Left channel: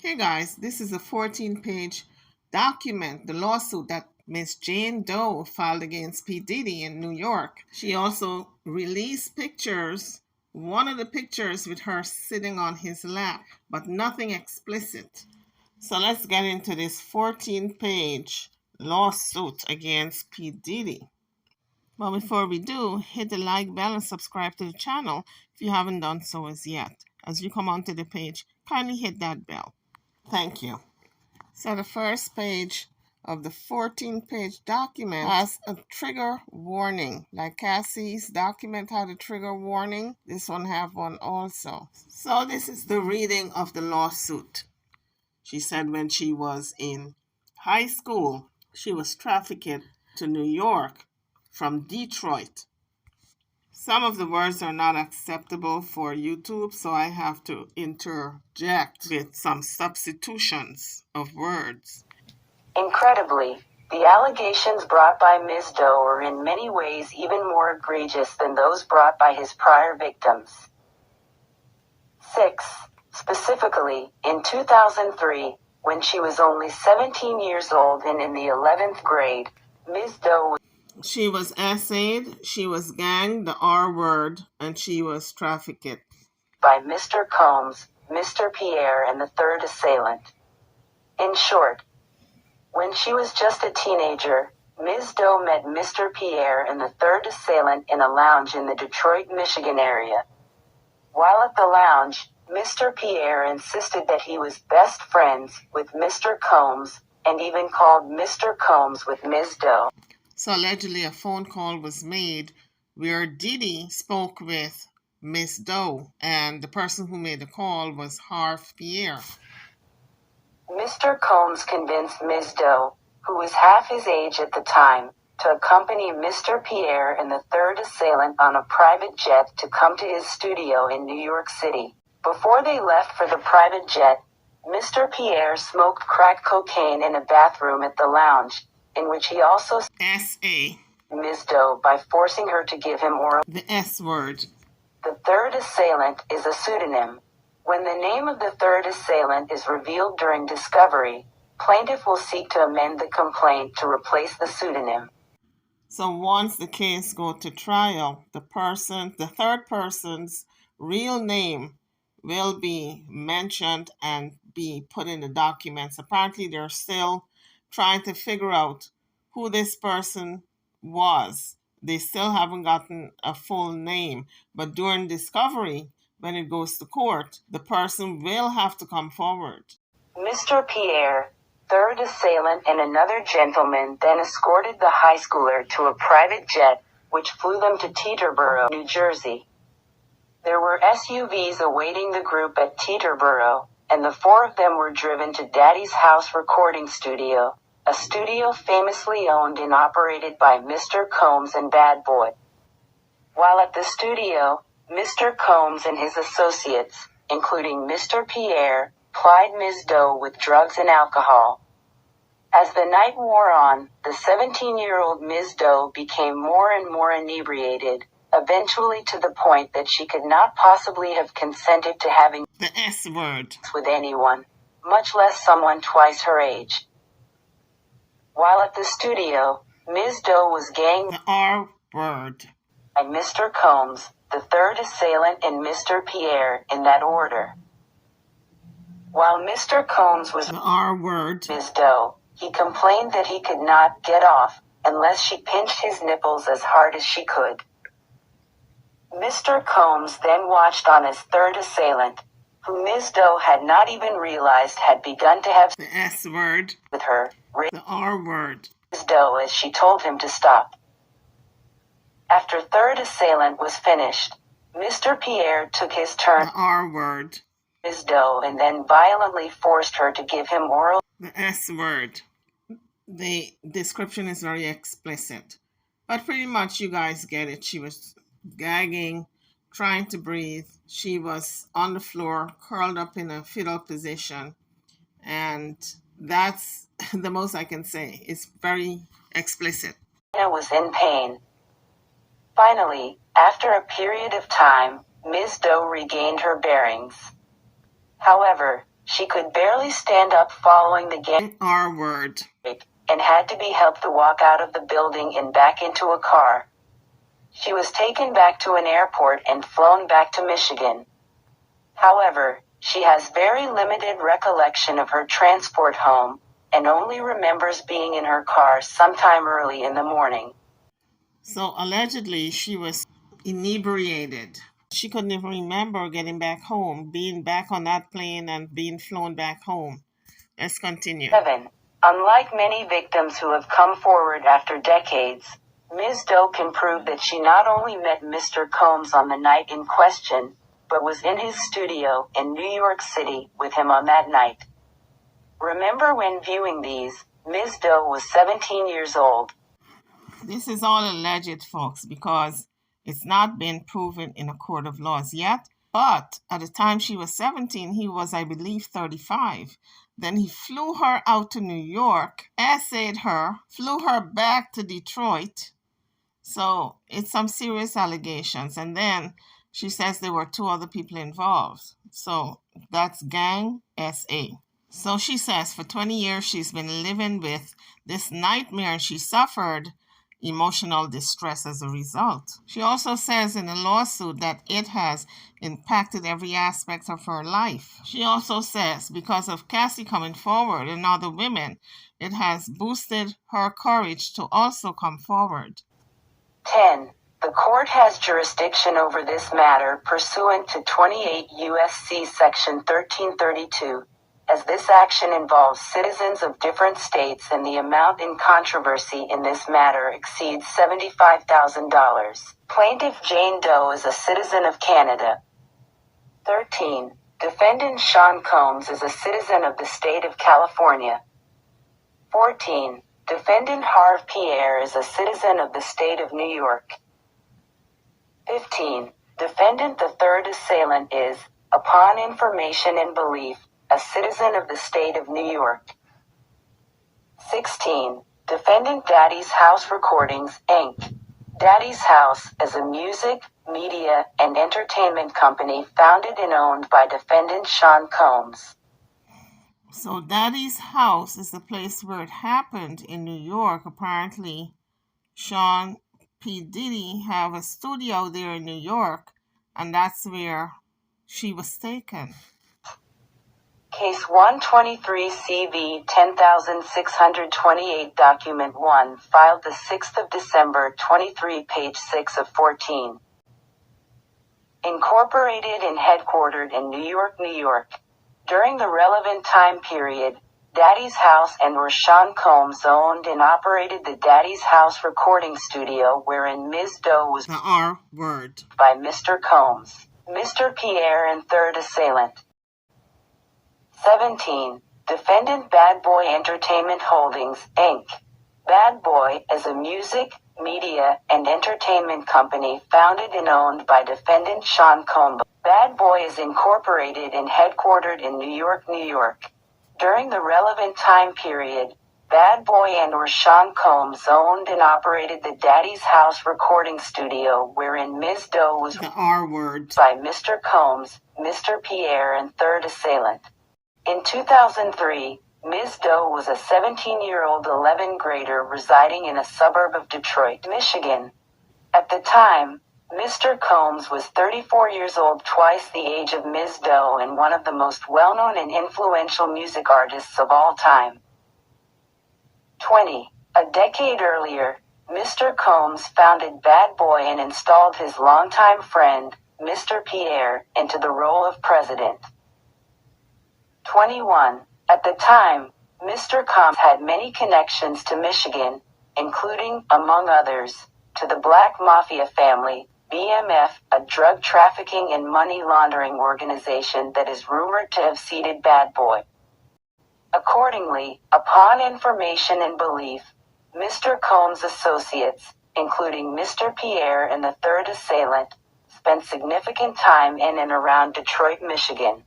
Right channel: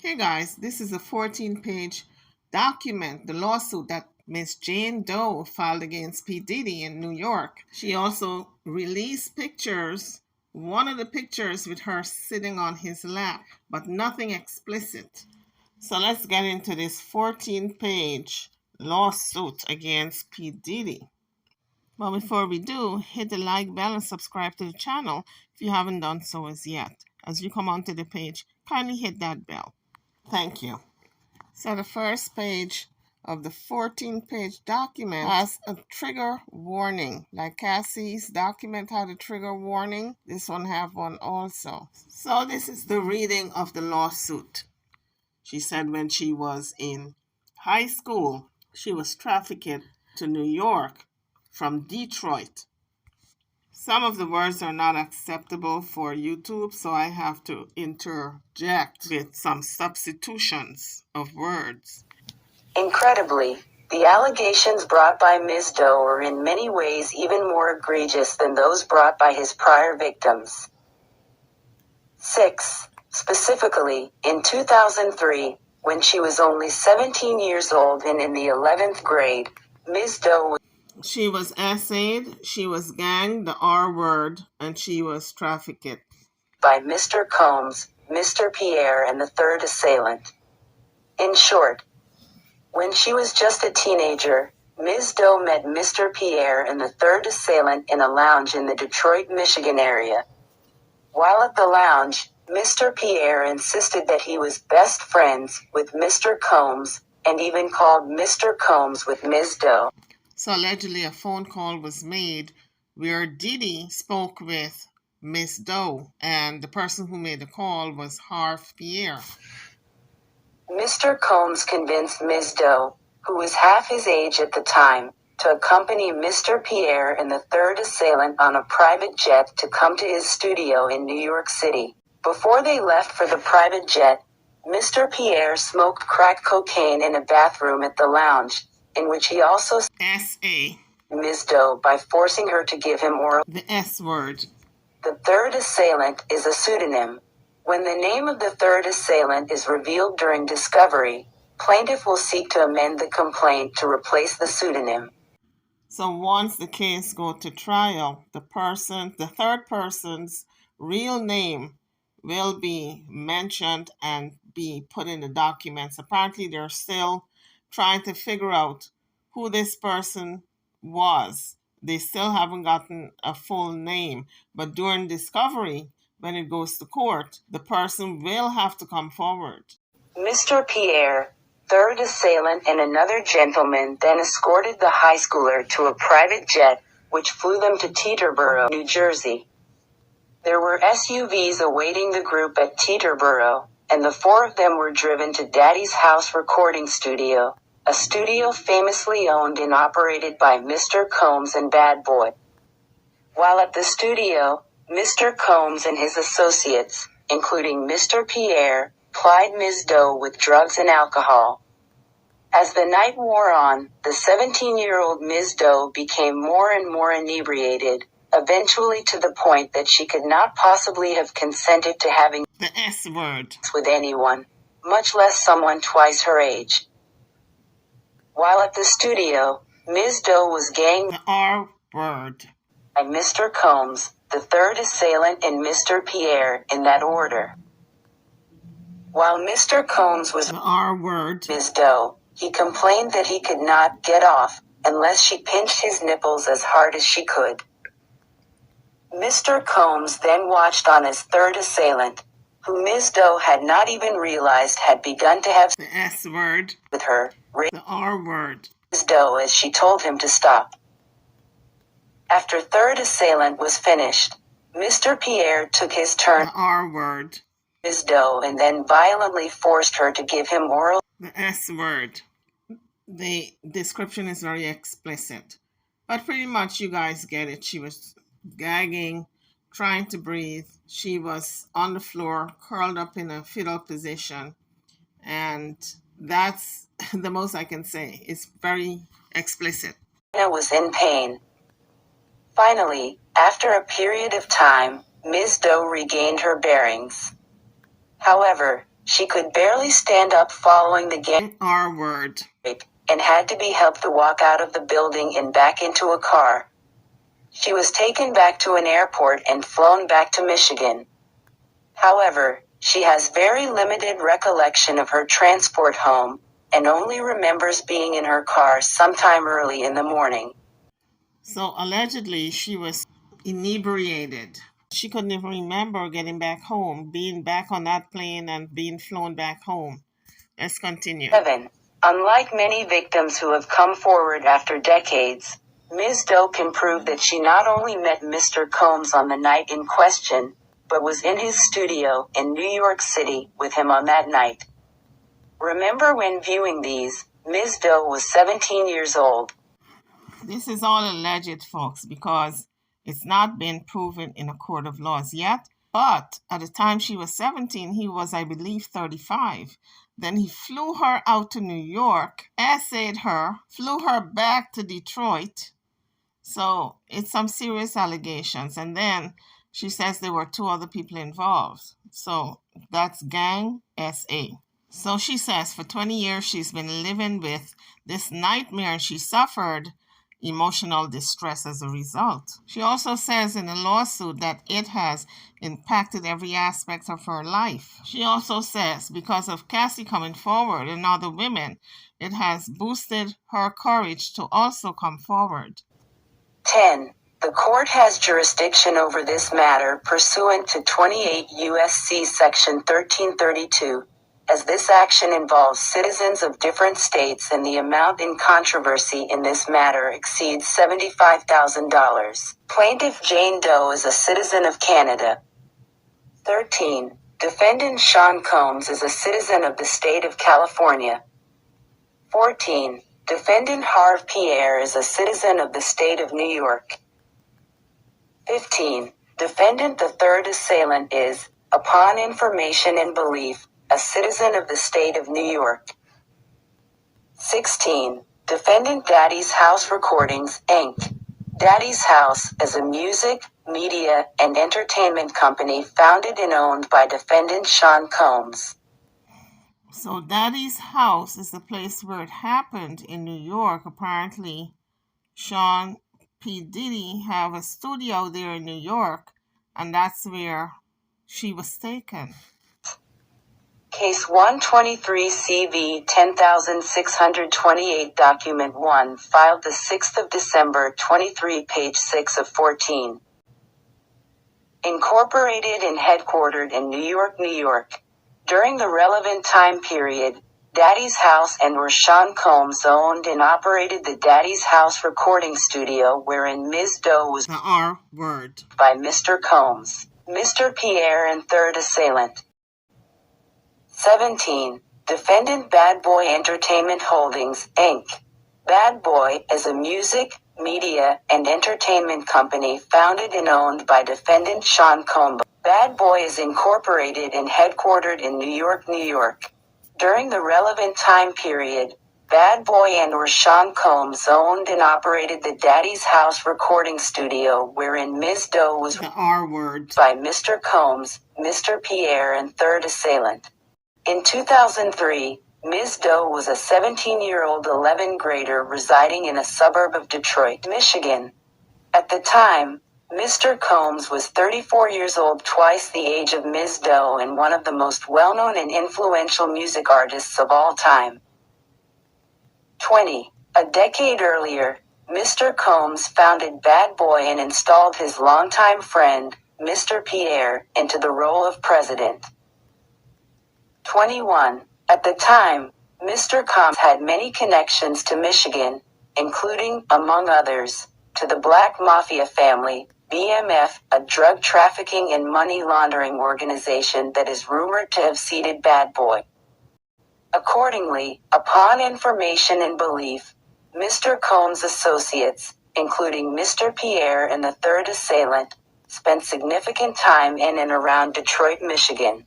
Okay, guys, this is a 14-page document, the lawsuit that Miss Jane Doe filed against P. Diddy in New York. She also released pictures, one of the pictures with her sitting on his lap, but nothing explicit. So let's get into this 14-page lawsuit against P. Diddy. But before we do, hit the like bell and subscribe to the channel if you haven't done so as yet. As you come onto the page, kindly hit that bell. Thank you. So the first page of the 14-page document has a trigger warning. Like Cassie's document had a trigger warning, this one have one also. So this is the reading of the lawsuit. She said when she was in high school, she was trafficked to New York from Detroit. Some of the words are not acceptable for YouTube, so I have to interject with some substitutions of words. Incredibly, the allegations brought by Ms. Doe are in many ways even more egregious than those brought by his prior victims. 6. Specifically, in 2003, when she was only 17 years old and in the 11th grade, Ms. Doe She was essayed, she was ganged, the R word, and she was trafficked by Mr. Combs, Mr. Pierre, and the third assailant. In short, when she was just a teenager, Ms. Doe met Mr. Pierre and the third assailant in a lounge in the Detroit, Michigan area. While at the lounge, Mr. Pierre insisted that he was best friends with Mr. Combs, and even called Mr. Combs with Ms. Doe. So allegedly a phone call was made where Diddy spoke with Miss Doe, and the person who made the call was Harv Pierre. Mr. Combs convinced Ms. Doe, who was half his age at the time, to accompany Mr. Pierre and the third assailant on a private jet to come to his studio in New York City. Before they left for the private jet, Mr. Pierre smoked crack cocaine in a bathroom at the lounge, in which he also S.A. Ms. Doe by forcing her to give him oral. The S word. The third assailant is a pseudonym. When the name of the third assailant is revealed during discovery, plaintiff will seek to amend the complaint to replace the pseudonym. So once the case goes to trial, the third person's real name will be mentioned and be put in the documents. Apparently, they're still trying to figure out who this person was. They still haven't gotten a full name, but during discovery, when it goes to court, the person will have to come forward. Mr. Pierre, third assailant, and another gentleman then escorted the high schooler to a private jet, which flew them to Teterboro, New Jersey. There were SUVs awaiting the group at Teterboro, and the four of them were driven to Daddy's House Recording Studio, a studio famously owned and operated by Mr. Combs and Bad Boy. While at the studio, Mr. Combs and his associates, including Mr. Pierre, plied Ms. Doe with drugs and alcohol. As the night wore on, the 17-year-old Ms. Doe became more and more inebriated, eventually to the point that she could not possibly have consented to having the S word with anyone, much less someone twice her age. While at the studio, Ms. Doe was ganged the R word by Mr. Combs, the third assailant, and Mr. Pierre, in that order. While Mr. Combs was the R word Ms. Doe, he complained that he could not get off unless she pinched his nipples as hard as she could. Mr. Combs then watched on his third assailant, who Ms. Doe had not even realized had begun to have the S word with her, the R word Ms. Doe as she told him to stop. After third assailant was finished, Mr. Pierre took his turn the R word Ms. Doe and then violently forced her to give him oral. The S word. The description is very explicit, but pretty much you guys get it. She was gagging, trying to breathe. She was on the floor, curled up in a fetal position, and that's the most I can say. It's very explicit. Anna was in pain. Finally, after a period of time, Ms. Doe regained her bearings. However, She could barely stand up following the gang R word. and had to be helped to walk out of the building and back into a car. She was taken back to an airport and flown back to Michigan. However, she has very limited recollection of her transport home and only remembers being in her car sometime early in the morning. So allegedly, she was inebriated. She couldn't even remember getting back home, being back on that plane and being flown back home. Let's continue. 7. Unlike many victims who have come forward after decades, Ms. Doe can prove that she not only met Mr. Combs on the night in question, but was in his studio in New York City with him on that night. Remember, when viewing these, Ms. Doe was 17 years old. This is all alleged, folks, because it's not been proven in a court of laws yet. But at the time she was 17, he was, I believe, 35. Then he flew her out to New York, essayed her, flew her back to Detroit. So it's some serious allegations. And then she says there were 2 other people involved. So that's gang SA. So she says for 20 years she's been living with this nightmare and she suffered emotional distress as a result. She also says in the lawsuit that it has impacted every aspect of her life. She also says because of Cassie coming forward and other women, it has boosted her courage to also come forward. 10. The court has jurisdiction over this matter pursuant to 28 U.S.C. Section 1332, as this action involves citizens of different states and the amount in controversy in this matter exceeds $75,000. Plaintiff Jane Doe is a citizen of Canada. 13. Defendant Sean Combs is a citizen of the state of California. 14. Defendant Harve Pierre is a citizen of the state of New York. 15. Defendant the third assailant is, upon information and belief, a citizen of the state of New York. 16. Defendant Daddy's House Recordings, Inc. Daddy's House is a music, media, and entertainment company founded and owned by defendant Sean Combs. So Daddy's House is the place where it happened in New York. Apparently, Sean P. Diddy have a studio there in New York, and that's where she was taken. Case 123 CV 10628 Document 1 filed the 6th of December 23 page 6 of 14. Incorporated and headquartered in New York, New York. During the relevant time period, Daddy's House and where Sean Combs owned and operated the Daddy's House recording studio wherein Ms. Doe was The R word. by Mr. Combs, Mr. Pierre and third assailant. 17. Defendant Bad Boy Entertainment Holdings, Inc. Bad Boy is a music, media, and entertainment company founded and owned by defendant Sean Combs. Bad Boy is incorporated and headquartered in New York, New York. During the relevant time period, Bad Boy and or Sean Combs owned and operated the Daddy's House recording studio wherein Ms. Doe was The R word. by Mr. Combs, Mr. Pierre and third assailant. In 2003, Ms. Doe was a 17-year-old 11th grader residing in a suburb of Detroit, Michigan. At the time, Mr. Combs was 34 years old, twice the age of Ms. Doe, and one of the most well-known and influential music artists of all time. 20. A decade earlier, Mr. Combs founded Bad Boy and installed his longtime friend, Mr. Pierre, into the role of president. 21. At the time, Mr. Combs had many connections to Michigan, including, among others, to the Black Mafia family, BMF, a drug trafficking and money laundering organization that is rumored to have seeded Bad Boy. Accordingly, upon information and belief, Mr. Combs' associates, including Mr. Pierre and the third assailant, spent significant time in and around Detroit, Michigan.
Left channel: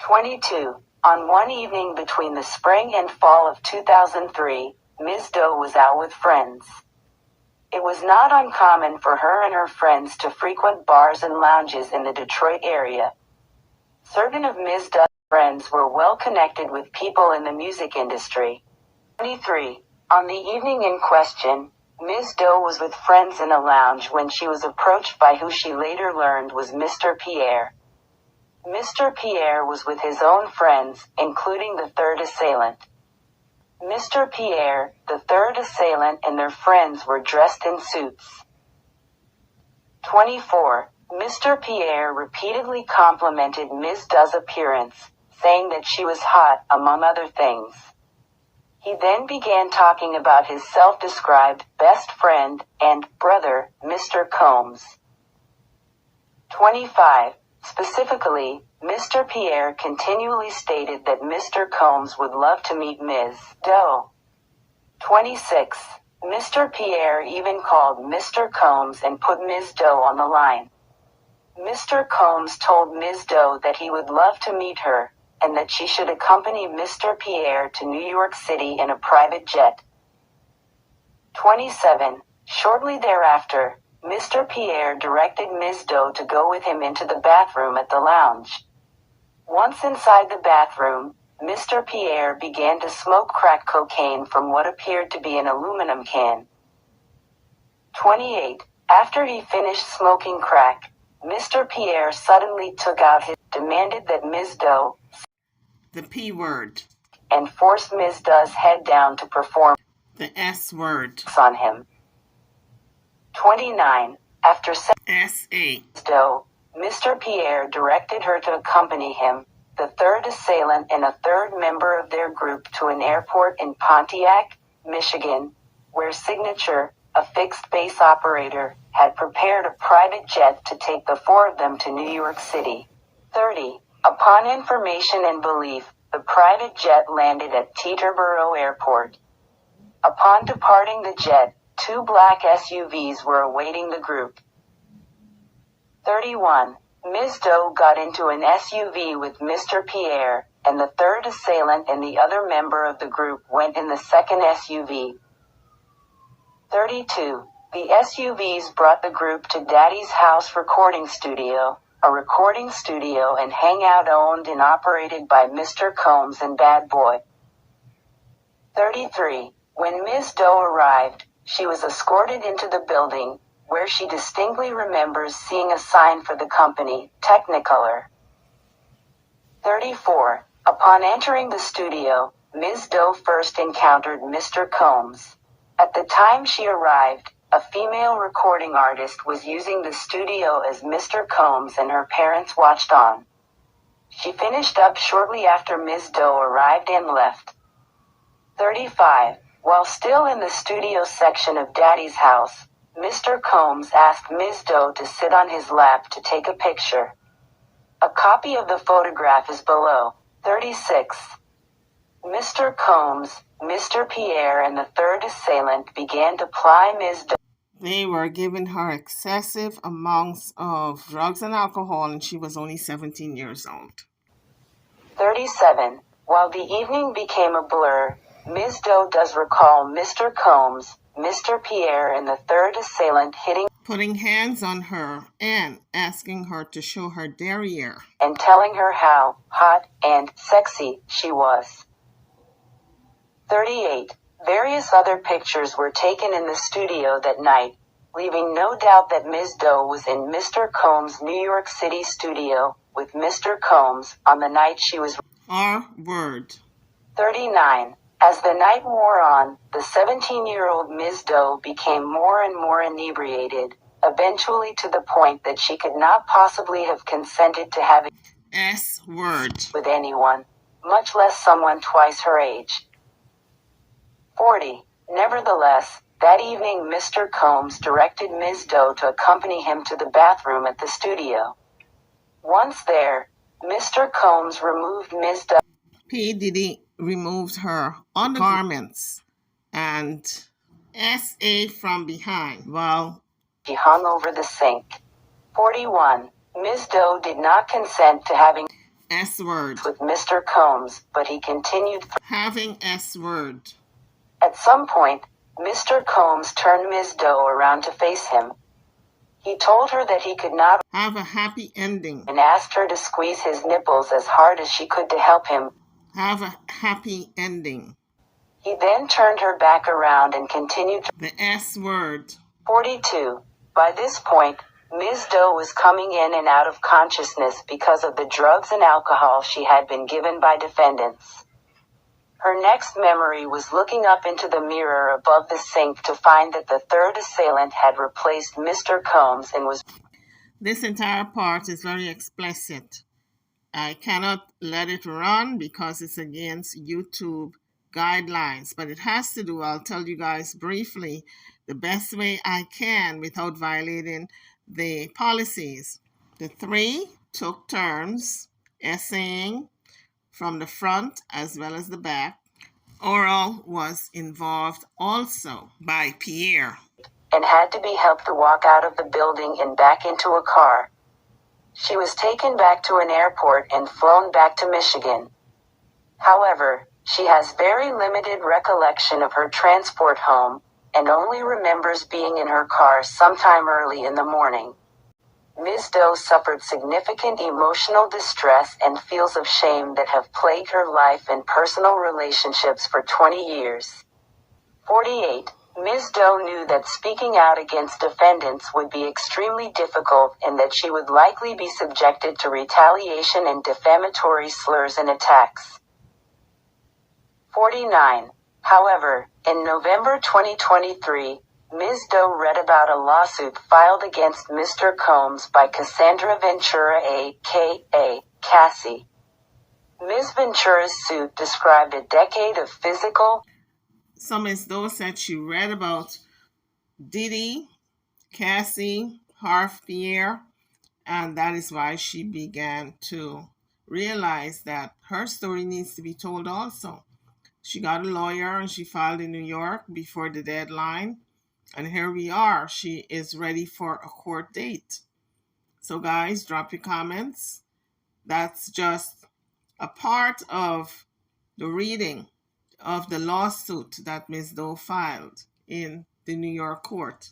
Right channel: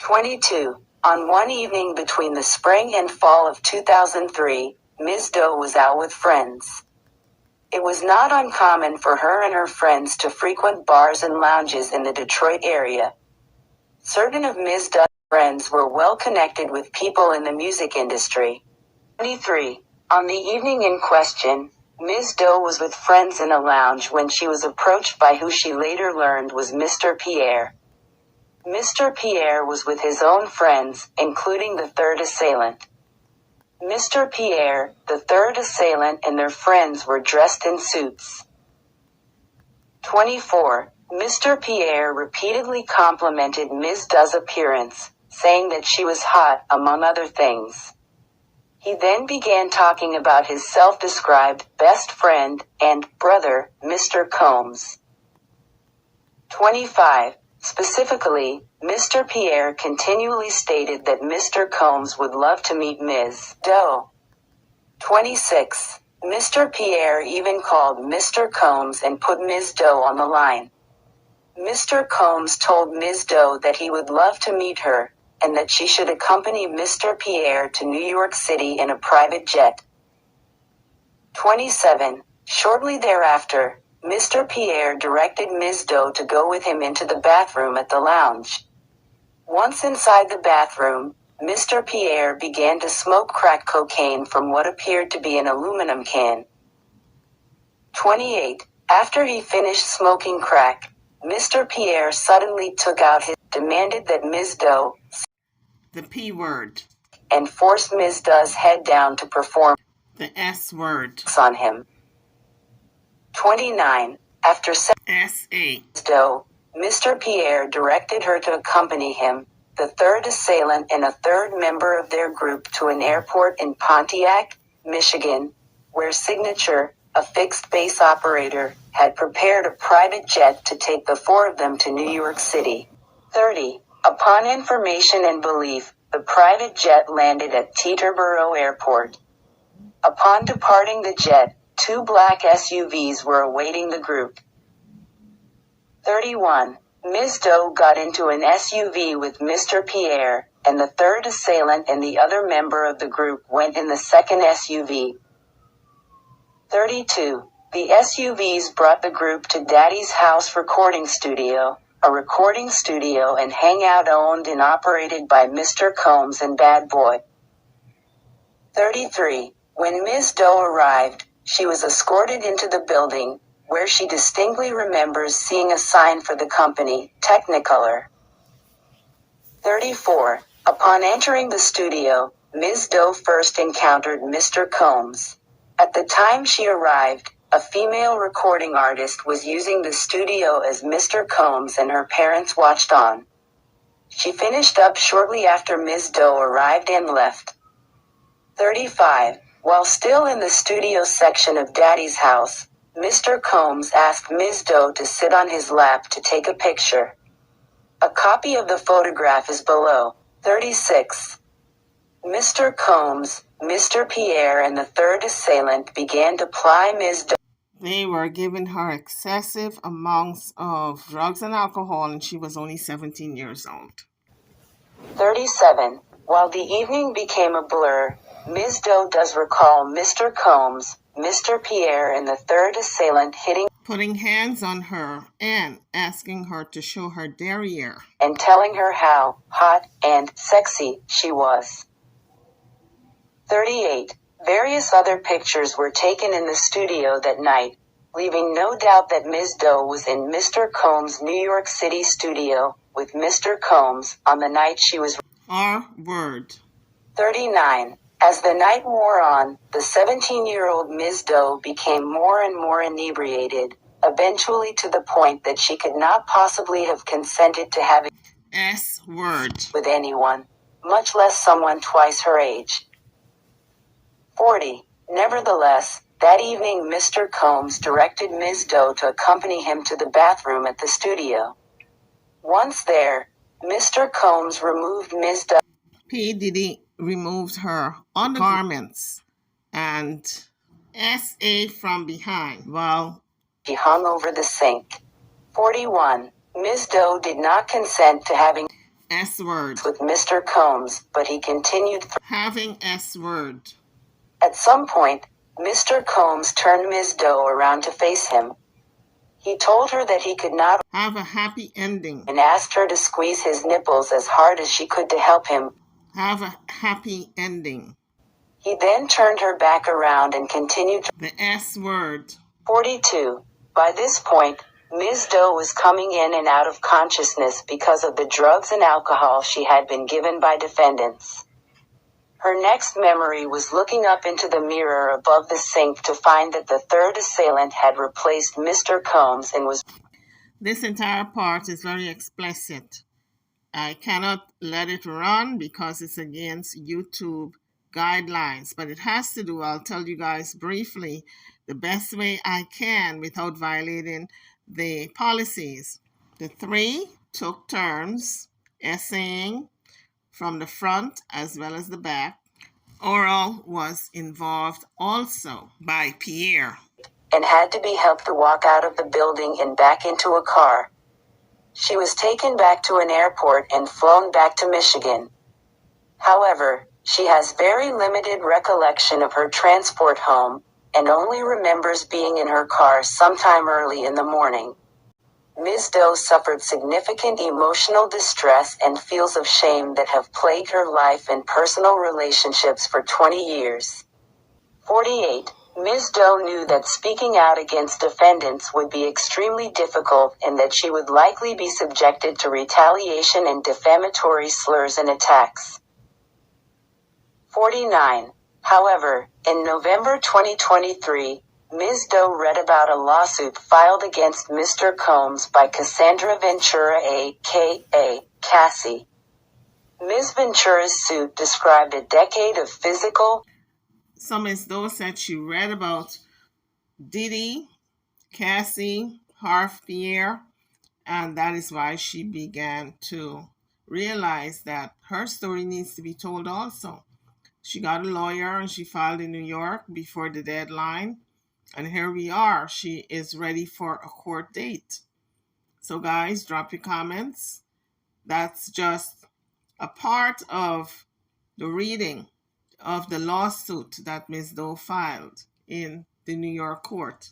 22. On one evening between the spring and fall of 2003, Ms. Doe was out with friends. It was not uncommon for her and her friends to frequent bars and lounges in the Detroit area. Certain of Ms. Doe's friends were well connected with people in the music industry. 23. On the evening in question, Ms. Doe was with friends in a lounge when she was approached by who she later learned was Mr. Pierre. Mr. Pierre was with his own friends, including the third assailant. Mr. Pierre, the third assailant, and their friends were dressed in suits. 24. Mr. Pierre repeatedly complimented Ms. Doe's appearance, saying that she was hot, among other things. He then began talking about his self-described best friend and brother, Mr. Combs. 25. Specifically, Mr. Pierre continually stated that Mr. Combs would love to meet Ms. Doe. 26. Mr. Pierre even called Mr. Combs and put Ms. Doe on the line. Mr. Combs told Ms. Doe that he would love to meet her, and that she should accompany Mr. Pierre to New York City in a private jet. 27. Shortly thereafter, Mr. Pierre directed Ms. Doe to go with him into the bathroom at the lounge. Once inside the bathroom, Mr. Pierre began to smoke crack cocaine from what appeared to be an aluminum can. 28. After he finished smoking crack, Mr. Pierre suddenly took out his demanded that Ms. Doe, The P word. and forced Ms. Doe's head down to perform The S word. on him. 29. After S-A. Doe, Mr. Pierre directed her to accompany him, the third assailant and a third member of their group, to an airport in Pontiac, Michigan, where Signature, a fixed-base operator, had prepared a private jet to take the four of them to New York City. 30. Upon information and belief, the private jet landed at Teterboro Airport. Upon departing the jet, 2 black SUVs were awaiting the group. 31. Ms. Doe got into an SUV with Mr. Pierre, and the third assailant and the other member of the group went in the second SUV. 32. The SUVs brought the group to Daddy's House Recording Studio, a recording studio and hangout owned and operated by Mr. Combs and Bad Boy. 33. When Ms. Doe arrived, she was escorted into the building, where she distinctly remembers seeing a sign for the company, Technicolor. 34. Upon entering the studio, Ms. Doe first encountered Mr. Combs. At the time she arrived, a female recording artist was using the studio as Mr. Combs and her parents watched on. She finished up shortly after Ms. Doe arrived and left. 35. While still in the studio section of Daddy's house, Mr. Combs asked Ms. Doe to sit on his lap to take a picture. A copy of the photograph is below. 36. Mr. Combs, Mr. Pierre, and the third assailant began to ply Ms. Doe. They were giving her excessive amounts of drugs and alcohol, and she was only 17 years old. 37. While the evening became a blur, Ms. Doe does recall Mr. Combs, Mr. Pierre, and the third assailant putting hands on her and asking her to show her derriere and telling her how hot and sexy she was. 38. Various other pictures were taken in the studio that night, leaving no doubt that Ms. Doe was in Mr. Combs' New York City studio with Mr. Combs on the night she was. R word. 39. As the night wore on, the 17-year-old Ms. Doe became more and more inebriated, eventually to the point that she could not possibly have consented to having S word. with anyone, much less someone twice her age. 40. Nevertheless, that evening Mr. Combs directed Ms. Doe to accompany him to the bathroom at the studio. Once there, Mr. Combs removed Ms. Doe. P. Diddy removed her undergarments and S.A. from behind while She hung over the sink. 41. Ms. Doe did not consent to having S word. with Mr. Combs, but he continued. Having S word. At some point, Mr. Combs turned Ms. Doe around to face him. He told her that he could not have a happy ending. And asked her to squeeze his nipples as hard as she could to help him. Have a happy ending. He then turned her back around and continued to The S word. 42. By this point, Ms. Doe was coming in and out of consciousness because of the drugs and alcohol she had been given by defendants. Her next memory was looking up into the mirror above the sink to find that the third assailant had replaced Mr. Combs and was... This entire part is very explicit. I cannot let it run because it's against YouTube guidelines, but it has to do, I'll tell you guys briefly, the best way I can without violating the policies. The three took turns essaying from the front as well as the back. Oral was involved also by Pierre and had to be helped to walk out of the building and back into a car. She was taken back to an airport and flown back to Michigan. However, she has very limited recollection of her transport home and only remembers being in her car sometime early in the morning. Ms. Doe suffered significant emotional distress and feels of shame that have plagued her life and personal relationships for 20 years. 48. Ms. Doe knew that speaking out against defendants would be extremely difficult and that she would likely be subjected to retaliation and defamatory slurs and attacks. 49. However, in November 2023, Ms. Doe read about a lawsuit filed against Mr. Combs by Cassandra Ventura a.k.a. Cassie. Ms. Ventura's suit described a decade of physical... So Ms. Doe said she read about Diddy, Cassie, Harf Pierre, and that is why she began to realize that her story needs to be told also. She got a lawyer and she filed in New York before the deadline. And here we are. She is ready for a court date. So guys, drop your comments. That's just a part of the reading of the lawsuit that Ms. Doe filed in the New York court.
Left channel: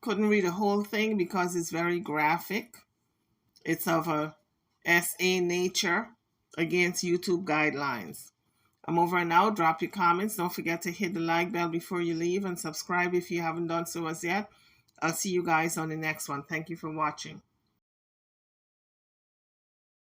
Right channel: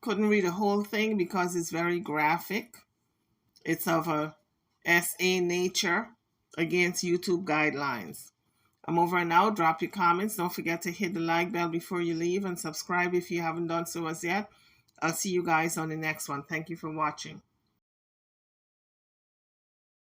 Couldn't read the whole thing because it's very graphic. It's of a SA nature against YouTube guidelines. I'm over and out. Drop your comments. Don't forget to hit the like bell before you leave and subscribe if you haven't done so as yet. I'll see you guys on the next one. Thank you for watching.